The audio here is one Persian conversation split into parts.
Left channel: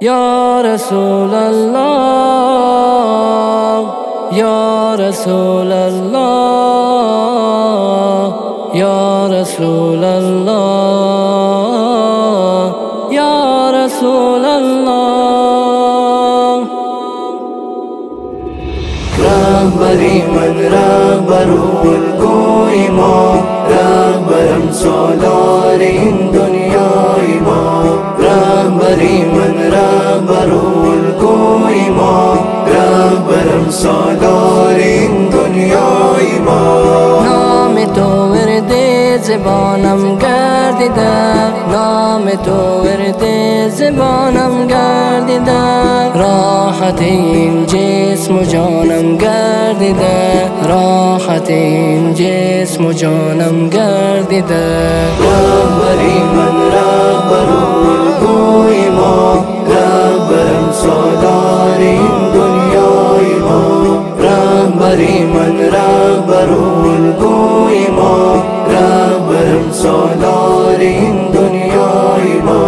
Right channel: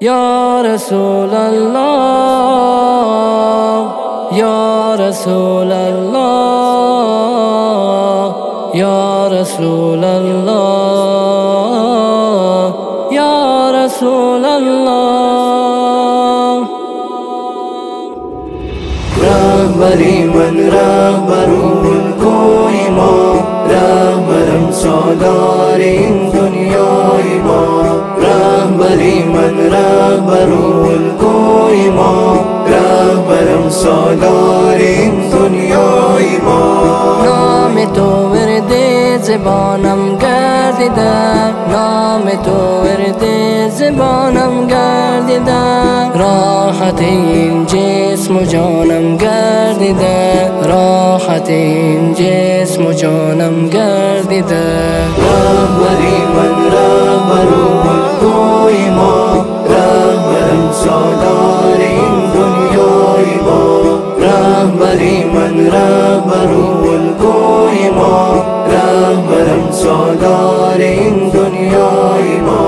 یا رسول الله یا رسول الله یا رسول الله یا رسول الله. رهبری من رهبرالگوی ما، رهبرم سالار این دنیای ما. رهبری من رهبرالگوی ما، رهبرم سالار این دنیای ما. نام تو ورد زبانم گردیده، نام تو ورد زبانم گردیده. راحت این جسم و جانم گردیده، راحت این جسم و جانم گردیده. رهبری من رهبرالگوی ما، رهبرم سالار این دنیای ما. رهبری من رهبرالگوی ما، رهبرم سالار این دنیای ما.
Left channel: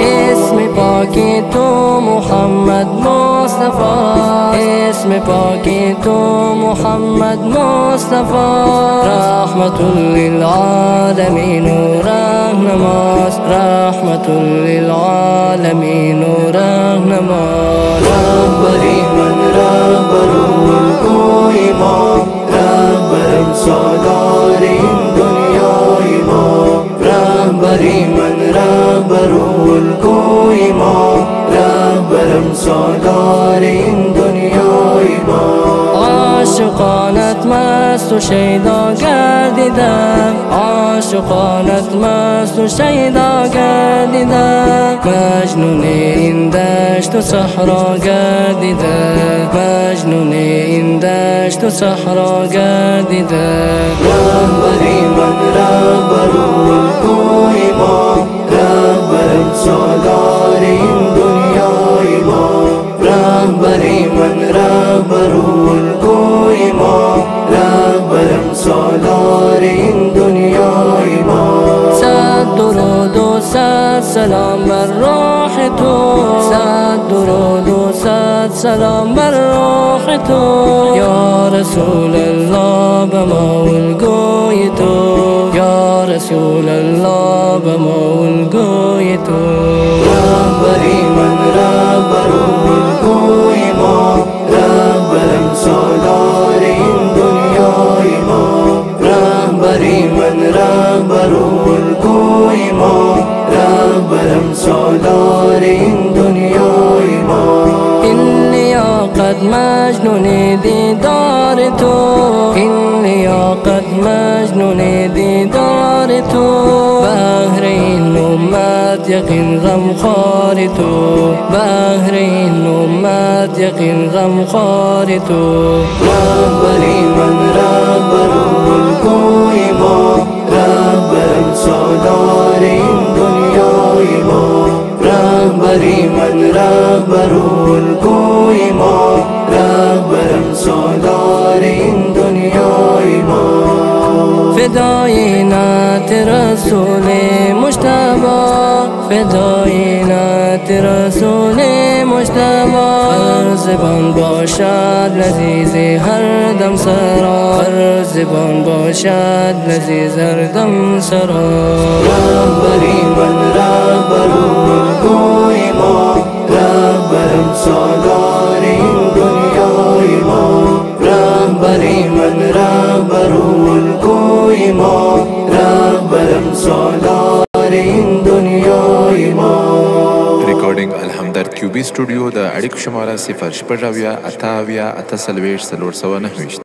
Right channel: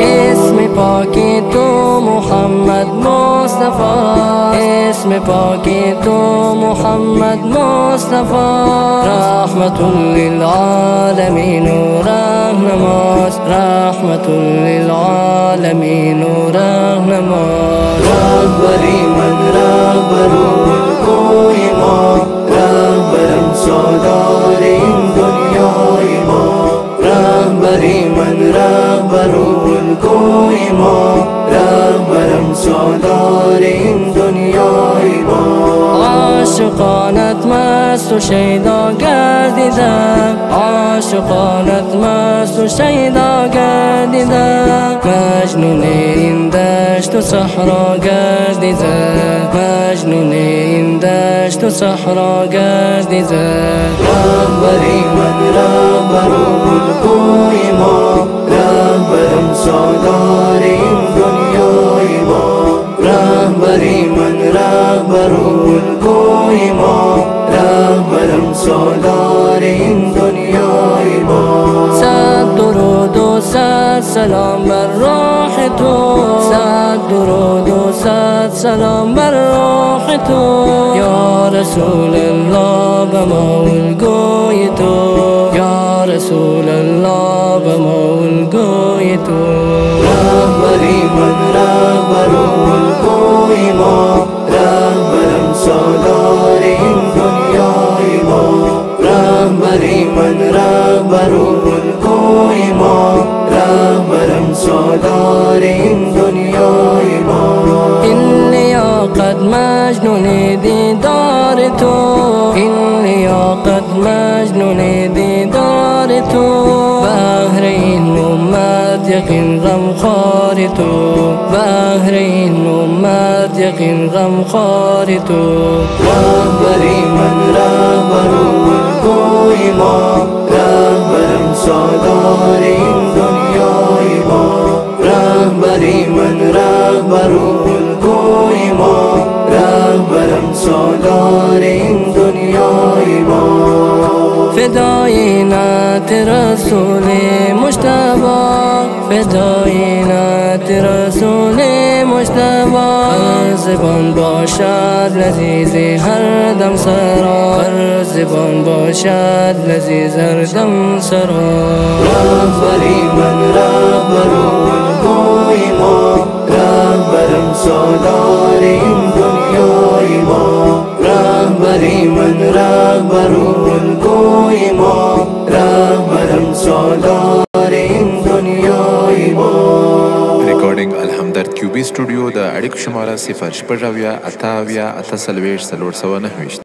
اسم پاکی تو محمد مصطفی، اسم پاکی تو محمد مصطفی. رحمت للعالمین و رهنماست، رحمت للعالمین و رهنماست. رهبری من رهبرالگوی ما، رهبرم سالار این دنیای ما. رهبری من رهبرالگوی ما، رهبرم سالار این دنیای ما. عاشقانت مست و شیدا گردیدم، عاشقانت مست و شیدا گردیدم. مجنون این دشت و صحرا گردیدم، مجنون این دشت و صحرا گردیدم. رهبری من رهبرالگوی ما، رهبرم سالار این دنیای ما. رهبری من رهبرالگوی ما، رهبرم سالار این دنیای ما. صد درود و صد سلام بر روح تو، صد درود و صد سلام بر روح تو. یا رسول الله به ما الگوی تو، یا رسول الله به ما الگوی تو. رهبری من رهبرالگوی ما، رهبرم سالار این دنیای ما. رهبری من رهبرالگوی ما، رهبرم سالار این دنیای ما. این لیاقت مجنون دیدار تو، این لیاقت مجنون دیدار تو. بهر این امت یقین غمخوار تو، بهر این امت یقین غمخوار تو. رهبری من رهبرالگوی ما، رهبرم سالار این دنیای ما. رهبری من رهبرالگوی ما، رهبرم سالار این دنیای ما. فدای نعت رسول مجتبی، فدای نعت رسول مجتبی. هر زبان باشد لذیذ هر دم سرا، هر زبان باشد لذیذ هر دم سرا. رهبری من رهبرالگوی ما، رهبرم سالار این دنیای ما. رهبری من رهبرالگوی ما، رهبرم سالار این دنیای ما. ریکارډینګ الحمدرد کیوبی سټوډیو د اړیکو شماره 0 شپږ اویا اته اویا اته څلوېښت څلور سوه نهه ویشت.